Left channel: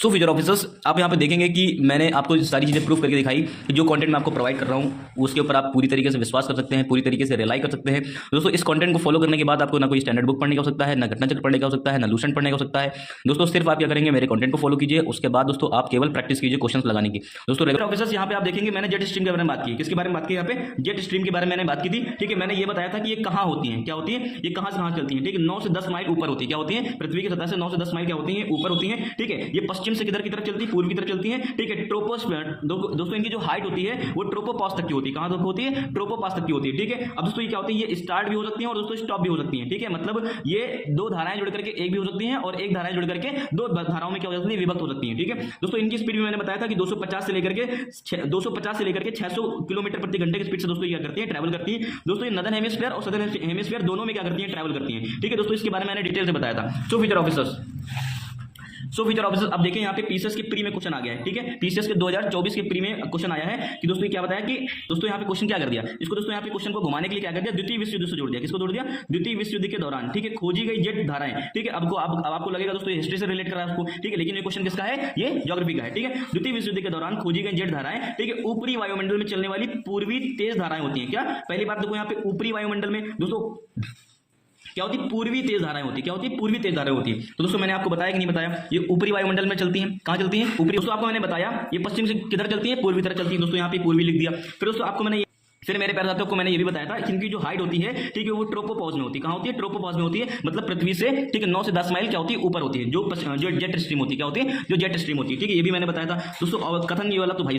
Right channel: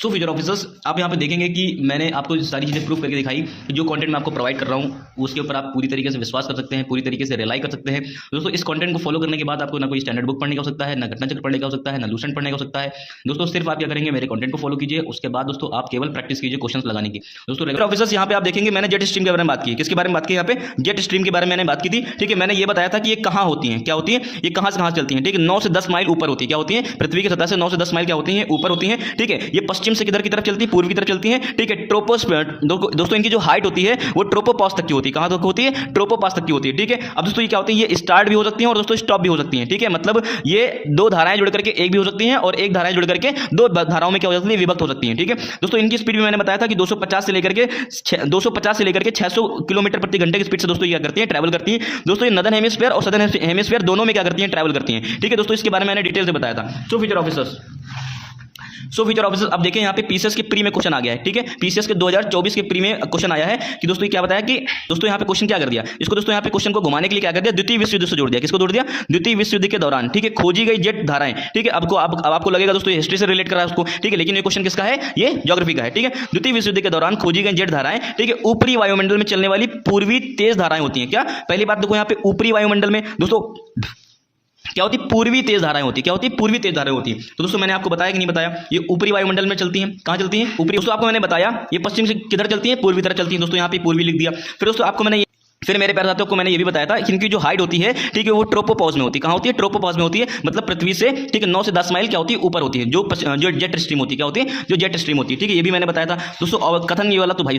So future officers, आप यहाँ पे देखेंगे कि मैंने आपको सारी चीज़ें प्रूफ करके दिखाई। तो जो कंटेंट मैं आपको प्रोवाइड कर रहा हूँ उसके ऊपर आप पूरी तरीके से विश्वास कर सकते हैं, पूरी तरीके से रिलाई कर सकते हैं। दोस्तों, इस कंटेंट को फॉलो करने के बाद आपको ना कोई स्टैंडर्ड बुक पढ़ने का हो सकता है, ना घटना चक्र पढ़ने का हो सकता है, ना लूसेंट पढ़ने का हो सकता है। दोस्तों, सिर्फ आप क्या करेंगे, मेरे कंटेंट को फॉलो कीजिए, उसके बाद दोस्तों आप केवल प्रैक्टिस कीजिए क्वेश्चन लगाने की। दोस्तों रेगुलर ऑफिसर्स, यहाँ पे आप देखेंगे मैंने जेट स्ट्रीम के बारे में बात की। किसके बारे में बात की? यहाँ पे जेट स्ट्रीम के बारे में मैंने बात की थी। ठीक है, मैंने ये बताया था कि ये कहाँ होती है, क्या होती है, ये कहाँ से कहाँ चलती है। ठीक है, 9 से 10 माइल ऊपर होती है। क्या होती है? पृथ्वी की सतह से 9 से 10 माइल क्या होती है, ऊपर होती है। ठीक है, ये पश्चिम से किधर की तरफ चलती है, पूर्व की तरफ चलती है। ठीक है, ट्रोपोस्फीयर दोस्तों इनकी जो हाइट होती है वो ट्रोपोपॉज तक की होती है। कहां तक होती है? ट्रोपोपॉज तक की होती है। ठीक है, अब दोस्तों ये क्या होती है, ये स्टार्ट भी हो सकती है और दोस्तों स्टॉप भी हो सकती है। ठीक है, मतलब ये दो धाराएं जुड़ करके एक भी हो सकती हैं और एक धाराएं जुड़ करके दो धाराओं में क्या हो सकती है, विभक्त हो सकती है। ठीक है दोस्तों, इनकी स्पीड भी मैंने बताया था कि 250 से लेकर के 600 किलोमीटर प्रति घंटे की स्पीड से दोस्तों ये क्या करती है, ट्रैवल करती है। दोस्तों ये नदर्न हेमिस्फीयर और सदर्न हेमिस्फीयर दोनों में क्या करती है, ट्रैवल करती है। ठीक है दोस्तों, इसके बारे में मैंने डिटेल से बताया था। सो फ्यूचर ऑफिसर्स, अब देखें यहाँ पे पीसीएस के प्री में क्वेश्चन आ गया है। ठीक है, पीसीएस के 2024 के प्री में क्वेश्चन आया है कि दोस्तों ये क्या बताया कि दोस्तों यहाँ पे क्वेश्चन क्या कर दिया, इसको दोस्तों यहाँ पे क्वेश्चन को घुमाने के लिए क्या कर दिया, द्वितीय विश्व युद्ध से जोड़ दिया। किसको जोड़ दिया? द्वितीय विश्व युद्ध के दौरान। ठीक है, खोजी गई जेट धाराएं। ठीक है, अब आपको लगेगा दोस्तों हिस्ट्री से रिलेट कर रहा है उसको। ठीक है, लेकिन ये क्वेश्चन किसका है, ये ज्योग्राफी का है। ठीक है, द्वितीय विश्व युद्ध के दौरान खोजी गई जेट धाराएं। ठीक है, ऊपरी वायुमंडल में चलने वाली पूर्वी तेज धाराएं होती हैं। क्या? पहली बात देखो यहाँ पे ऊपरी वायुमंडल में दोस्तों क्या होती है, पूर्वी तेज धाराएं होती है। क्या होती है? पूर्वी तेज धाराएं होती है। तो दोस्तों मैंने आपको बताया कि नहीं बताया, ये ऊपरी वायुमंडल में चलती हैं। कहां चलती हैं? ऊपरी। दोस्तों आपको मैंने बताया ये पश्चिम से किधर चलती है, पूर्वी तरफ चलती है। दोस्तों यहाँ पे पूर्वी लिख दिया। फिर दोस्तों आपको मैंने फिर मेरे प्यारे साथियों को मैंने ये भी बताया था कि इनकी जो हाइट होती है, ठीक है, वो ट्रोपोपॉज में होती है। कहां होती है? ट्रोपोपॉज में होती है, मतलब पृथ्वी से ठीक है 9 से 10 माइल क्या होती है, ऊपर होती है। जो जेट स्ट्रीम होती है, क्या होती है, जो जेट स्ट्रीम होती है। ठीक है, ये भी मैंने बताया था दोस्तों। और कथन ये वाला तो भाई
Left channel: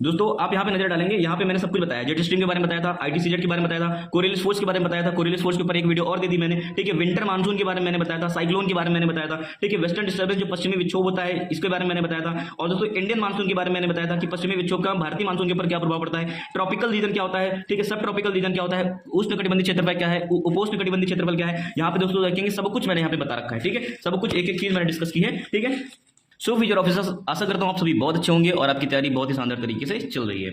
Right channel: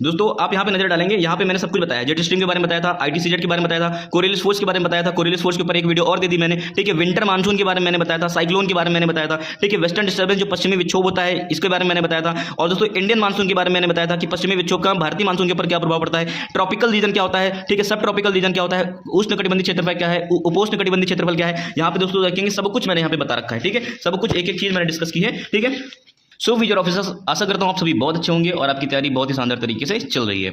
दोस्तों आप यहाँ पे नजर डालेंगे, यहाँ पे मैंने सब कुछ बताया, जेट स्ट्रीम के बारे में बताया था, आईटीसीजेड के बारे में बताया था, कोरियलिस फोर्स के बारे में बताया था, कोरियलिस फोर्स के ऊपर एक वीडियो और दे दी मैंने। ठीक है, विंटर मानसून के बारे में मैंने बताया था, साइक्लोन के बारे में मैंने बताया था। ठीक है, वेस्टर्न डिस्टर्बेंस जो पश्चिमी विक्षोभ होता है, इसके बारे में मैंने बताया था। और दोस्तों इंडियन मानसून के बारे में मैंने बताया था कि पश्चिमी विक्षोभ का भारतीय मानसून के ऊपर क्या प्रभाव पड़ता है, ट्रॉपिकल रीजन क्या होता है, ठीक है, सब ट्रॉपिकल रीजन क्या होता है, उष्णकटिबंधीय क्षेत्रफल क्या है, उपोष्ण कटिबंधीय क्षेत्रफल क्या है। यहाँ पे दोस्तों देखेंगे सब कुछ मैंने यहाँ पे बता रखा है। ठीक है, सब कुछ एक एक चीज मैंने डिस्कस की है। ठीक है, सो फ्यूचर ऑफिसर्स, आशा करता हूं आप सभी बहुत अच्छे होंगे और आपकी तैयारी बहुत ही शानदार तरीके से चल रही है।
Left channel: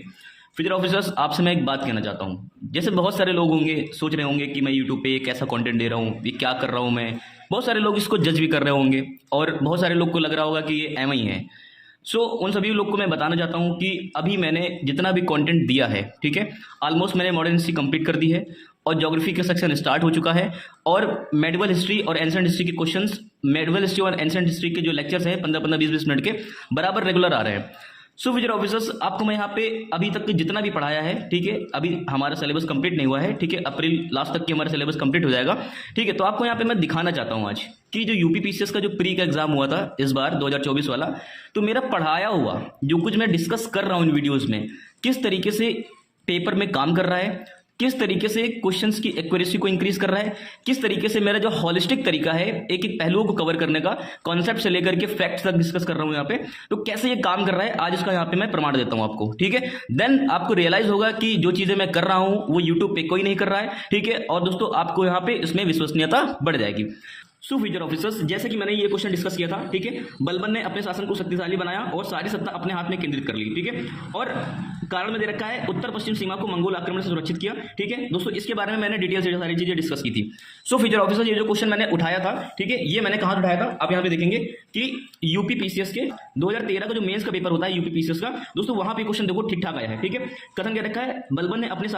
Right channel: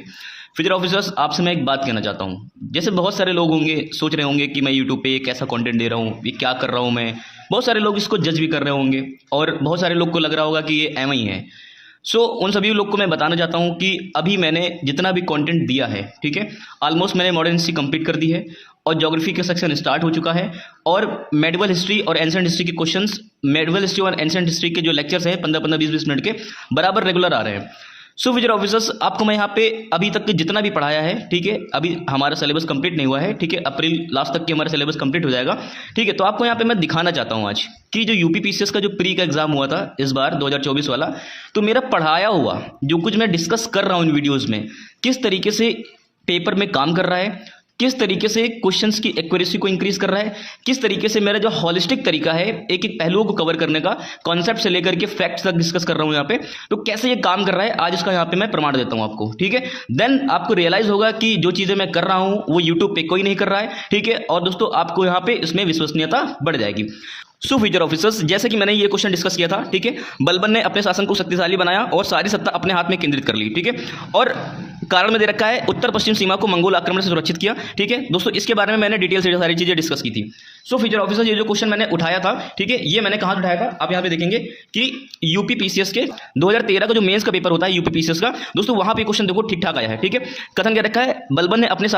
फ्यूचर ऑफिसर्स, आपसे मैं एक बात कहना चाहता हूं। जैसे बहुत सारे लोग होंगे सोच रहे होंगे कि मैं यूट्यूब पे कैसा कंटेंट दे रहा हूं, ये क्या कर रहा हूं मैं। बहुत सारे लोग इसको जज भी कर रहे होंगे और बहुत सारे लोग को लग रहा होगा कि ये एम ही है। उन सभी लोग को मैं बताना चाहता हूं कि अभी मैंने जितना भी कंटेंट दिया है, ठीक है, ऑलमोस्ट मैंने मॉडर्न हिस्ट्री कंप्लीट कर दी है और ज्योग्राफी का सेक्शन स्टार्ट हो चुका है। और मेडिवल हिस्ट्री और एंशिएंट हिस्ट्री के क्वेश्चंस, मेडिवल हिस्ट्री और एंशिएंट हिस्ट्री के जो लेक्चर्स हैं 15-15, 20-20 मिनट के बराबर रेगुलर आ रहे हैं। सो फ्यूचर ऑफिसर्स, आपको मैं यहाँ पे अभी तक के जितना भी पढ़ाया है, ठीक है, अभी हमारा सिलेबस कंप्लीट नहीं हुआ है। ठीक है, अप्रैल लास्ट तक के हमारा सिलेबस कंप्लीट हो जाएगा। ठीक है, तो आपको यहाँ पे मैं दिखाना चाहता हूँ आज कि जो यूपी पीसीएस का जो प्री का एग्जाम हुआ था इस बार 2024 वाला, तो मेरा पढ़ाया हुआ जो कुछ मैं डिस्कस कर रहा हूँ इन वीडियोज़ में, किस तरीके से पेपर में काम कर रहा है, किस तरीके से क्वेश्चंस की एक्यूरेसी को इंक्रीज कर रहा है, किस तरीके से मेरा जो हॉलिस्टिक तरीका है एक एक पहलुओं को कवर करने का, कॉन्सेप्ट से लेकर के फैक्ट्स तक डिस्कस कर रहा हूं यहाँ पे, तो कैसे ये काम कर रहा है आज इसका यहाँ पे मैं प्रमाण देता हूं आपको। ठीक है, देन आपको रियलाइज होगा कि जो चीजें मैं कर रहा हूं वो यूट्यूब पे कोई नहीं कर रहा है। ठीक है, और दोस्तों आपको यहाँ पे इसमें विश्वसनीयता बढ़ जाएगी। सो फ्यूचर ऑफिसर्स, जैसे कि मैंने ये क्वेश्चन डिस्कस किया था, ठीक है, बलबन ने अपने शासन को शक्तिशाली बनाया और सारी सत्ता अपने हाथ में केंद्रित कर ली। ठीक है, और कारण में दे रखा है उत्तर पश्चिम सीमा को मंगोल आक्रमण से सुरक्षित किया। ठीक है दोस्तों, इसके बारे में मैंने डिटेल से सारी चीजें डिस्कस की थी। सो फ्यूचर ऑफिसर्स, ये जो क्वेश्चन मैंने उठाया था, ठीक है, ये मैंने कहां उठाया था, आप यहाँ पे देखेंगे कि यूपी पीसीएस के 2013 का जो मेंस का पेपर होता है यूपी पीसीएस का, दोस्तों वहां पे क्वेश्चन देखो ठीक ठाक आया है। ठीक है, कथन क्या रखा है, बलबन ने अपने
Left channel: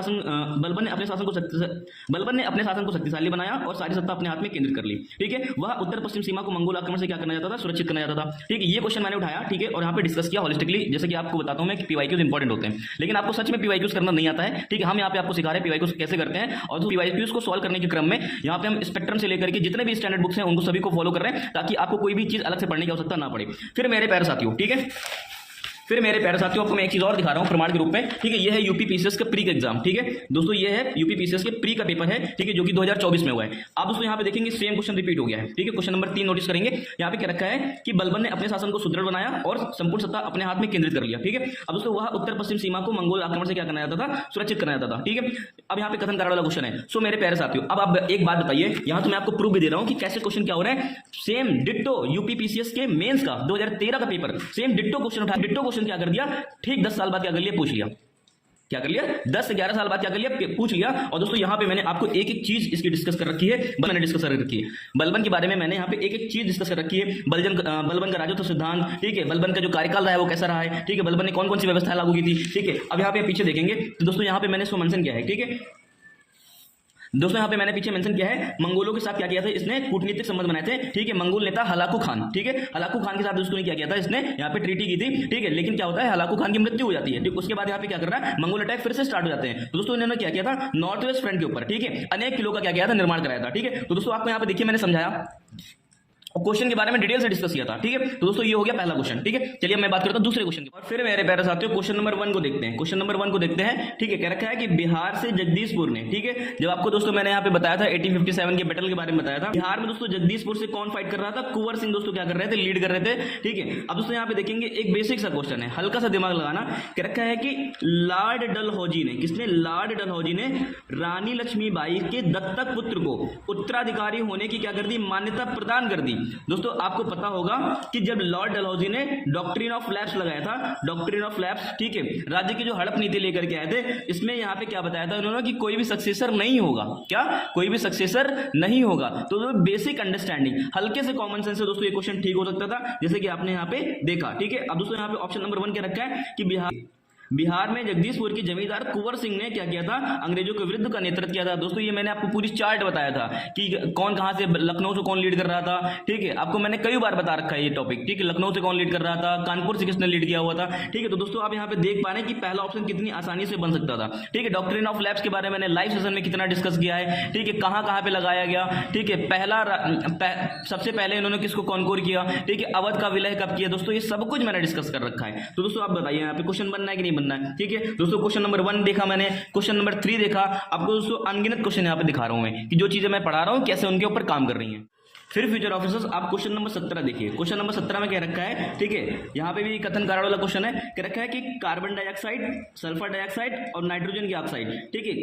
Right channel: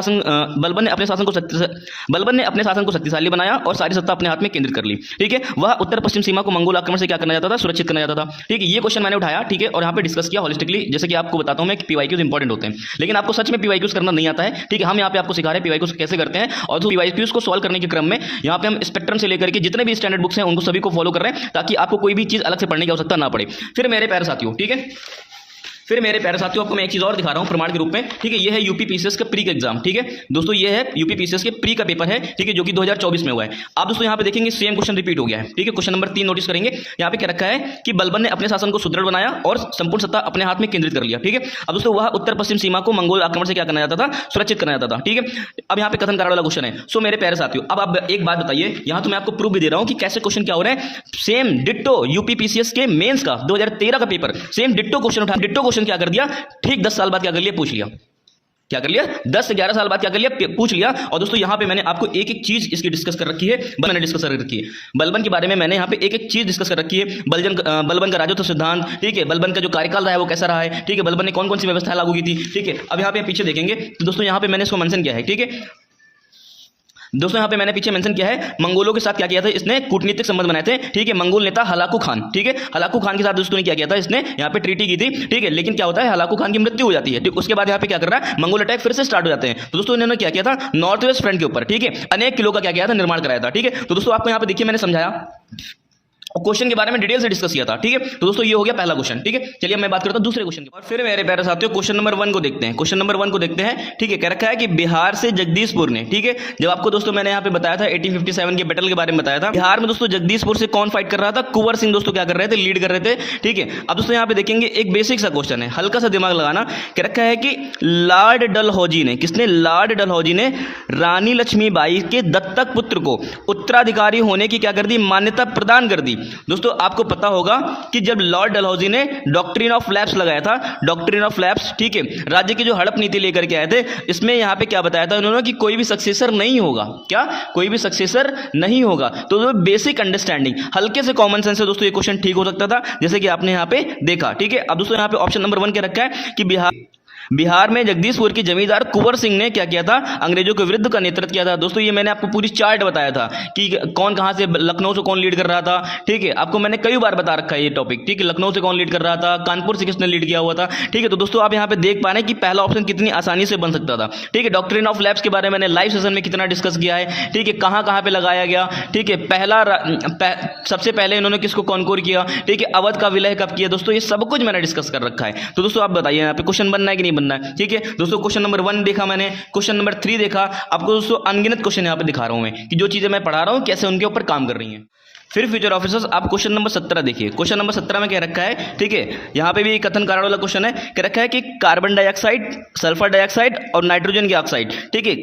शासन को शक्तिशाली बनाया और सारी सत्ता अपने हाथ में केंद्रित कर ली। ठीक है, वह उत्तर पश्चिम सीमा को मंगोल आक्रमण से क्या करना चाहता था, सुरक्षित करना चाहता था। ठीक है, ये क्वेश्चन मैंने उठाया। ठीक है, और यहाँ पे डिस्कस किया हॉलिस्टिकली। जैसे कि आपको बताता हूं मैं कि पीवाईक्यूज इंपॉर्टेंट होते हैं, लेकिन आपको सच में पीवाईक्यूज करना नहीं आता है। ठीक है, हम यहाँ पे आपको सिखा रहे हैं पीवाईक्यूज कैसे करते हैं, और तो पीवाईक्यूज को सॉल्व करने के क्रम में यहाँ पे हम स्पेक्ट्रम से लेकर के जितने भी स्टैंडर्ड बुक्स हैं उनको सभी को फॉलो कर रहे हैं, ताकि आपको कोई भी चीज अलग से पढ़ने की आवश्यकता ना पड़े। फिर मेरे प्यारे साथियों, ठीक है, आपको मैं एक चीज और दिखा रहा हूं प्रमाण के रूप में। ठीक है, ये है यूपी पीसीएस का प्री का एग्जाम। ठीक है दोस्तों, ये है यूपी पीसीएस के प्री का पेपर है। ठीक है, जो कि 2024 में हुआ है। आप दोस्तों यहाँ पे देखेंगे सेम क्वेश्चन रिपीट हो गया है। ठीक है, क्वेश्चन नंबर 3 नोटिस करेंगे, यहाँ पे क्या रखा है कि बलबन ने अपने शासन को सुदृढ़ बनाया और संपूर्ण सत्ता अपने हाथ में केंद्रित कर लिया। ठीक है, अब दोस्तों वह उत्तर पश्चिम सीमा को मंगोल आक्रमण से क्या करना चाहता था, सुरक्षित करना चाहता था। ठीक है, अब यहाँ पे कथन कारण वाला क्वेश्चन है। सो मेरे प्यारे साथियों, अब आप एक बात बताइए, यहाँ तो मैं आपको प्रूफ भी दे रहा हूँ कि कैसे क्वेश्चन क्या हो रहा है। सेम डिट्टो यूपी पीसीएस के मेंस का 2013 का पेपर, सेम डिट्टो क्वेश्चन उठा, डिट्टो क्वेश्चन क्या कर दिया, ठीक 10 साल बाद क्या कर लिया, पूछ लिया। क्या कर लिया, 10 से 11 साल बाद क्या कर लिया, पूछ लिया। और दोस्तों यहाँ पे मैंने आपको एक एक चीज इसकी डिस्कस कर रखी है, मैंने डिस्कस कर रखी है बलबन के बारे में, मैंने यहाँ पे एक एक चीज डिस्कस कर रखी है। बलबन का राजत्व सिद्धांत, ठीक है, बलबन का जो कार्यकाल रहा है वो कैसा रहा है, ठीक है, बलबन ने कौन कौन सी व्यवस्था लागू की थी, ठीक है। अब यहाँ पे पीछे देखेंगे तो दोस्तों यहाँ पे मैंने इसको मेंशन किया है, ठीक है दोस्तों, यहाँ पे मैंने पीछे मेंशन किया है मंगोलों के साथ क्या किया था, इसने कूटनीतिक संबंध बनाए थे, ठीक है। मंगोल नेता हलाकू खान, ठीक है, हलाकू खान के साथ दोस्तों ने क्या किया था, इसने यहाँ पे ट्रीटी की थी, ठीक है। लेकिन क्या होता है, हलाकू खान की मृत्यु हो जाती है, ठीक। उसके बाद यहाँ पे क्या कर रहा है, मंगोल अटैक फिर से स्टार्ट हो जाते हैं। तो दोस्तों इन्होंने क्या किया था, नॉर्थ वेस्ट फ्रंट के ऊपर, ठीक है, अनेक किलों का क्या किया था, निर्माण कराया था, ठीक है। तो दोस्तों आपको यहाँ पे देखिए मैंने समझाया और क्वेश्चन के बारे में डिटेल से डिस्कस किया था, ठीक है। तो दोस्तों ये हो गया पहला क्वेश्चन, ठीक है। चलिए मैं बात करता हूं दूसरे क्वेश्चन की। और फिर मेरे प्यारे साथियों क्वेश्चन नंबर 1 को देखते हैं। क्वेश्चन नंबर 1 को देखते हैं, ठीक है। कह रखा है कि बिहार से जगदीशपुर ने, ठीक है, जब आपको दोस्तों मैंने यहाँ पे बताया था 1857 के बैटल के बारे में बताया था, बिहार में दोस्तों जगदीशपुर से कौन फाइट कर रहा था, कुंवर सिंह दोस्तों क्या कर रहे थे, लीड कर रहे थे, ठीक है। अब दोस्तों यहाँ पे देखेंगे एक बेसिक सा क्वेश्चन है, हल्का सा दिमाग लगाना। कह रखा है कि लॉर्ड डलहौजी ने, किसने, लॉर्ड डलहौजी ने रानी लक्ष्मीबाई के दत्तक पुत्र को उत्तराधिकारी होने की क्या कर दी, मान्यता प्रदान कर दी। दोस्तों आपको पता होगा कि जब लॉर्ड डलहौजी ने डॉक्ट्रिन ऑफ लैप्स लगाया था, डॉक्ट्रिन ऑफ लैप्स, ठीक है, राज्य की जो हड़प नीति लेकर के आए थे, इसमें यहां पे क्या बताया था उन्होंने कि कोई भी सक्सेसर नहीं होगा, क्या, कोई भी सक्सेसर नहीं होगा। तो बेसिक अंडरस्टैंडिंग, हल्के से कॉमन सेंस से दोस्तों ये क्वेश्चन ठीक हो सकता था, जैसे कि आपने यहां पे देखा, ठीक है। अब दोस्तों यहां पे ऑप्शन नंबर 1 क्या रखा है कि बिहार में जगदीशपुर की जमींदार कुंवर सिंह ने क्या किया था, अंग्रेजों के विरुद्ध का नेतृत्व किया था। दोस्तों ये मैंने आपको पूरी चार्ट बताया था कि कौन कहां से, लखनऊ से कौन लीड कर रहा था, ठीक है, आपको मैंने कई बार बता रखा है ये टॉपिक, ठीक है, लखनऊ से कौन लीड कर रहा था, कानपुर से किसने लीड किया हुआ था, ठीक है। तो दोस्तों आप यहां पे देख पा रहे हैं कि पहला ऑप्शन कितनी आसानी से बन सकता था, ठीक है। डॉक्ट्रिन ऑफ लैप्स के बारे में मैंने लाइव सेशन में कितना डिस्कस किया है, ठीक है, कहां कहां पे लगाया गया, ठीक है, सबसे पहले इन्होंने किसको कॉन्कोर किया, ठीक है, अवध का विलय कब किया, दोस्तों ये सब कुछ मैंने डिस्कस कर रखा है। तो दोस्तों आप बताइए यहाँ पे क्वेश्चन बनना है कि नहीं बनना है, ठीक है। दोस्तों क्वेश्चन नंबर 1 देखा मैंने, क्वेश्चन नंबर 3 देखा, आपको दोस्तों अनगिनत क्वेश्चन यहां पे दिखा रहा हूं मैं कि जो चीजें मैं पढ़ा रहा हूं कैसे उनके ऊपर काम कर रही हैं। फिर फ्यूचर ऑफिसर्स, आप क्वेश्चन नंबर 17 देखिए। क्वेश्चन नंबर 17 में क्या रखा है, ठीक है, यहां पे भी कथन कारण वाला क्वेश्चन है। क्या रखा है कि कार्बन डाइऑक्साइड, सल्फर डाइऑक्साइड और नाइट्रोजन की ऑक्साइड, ठीक है,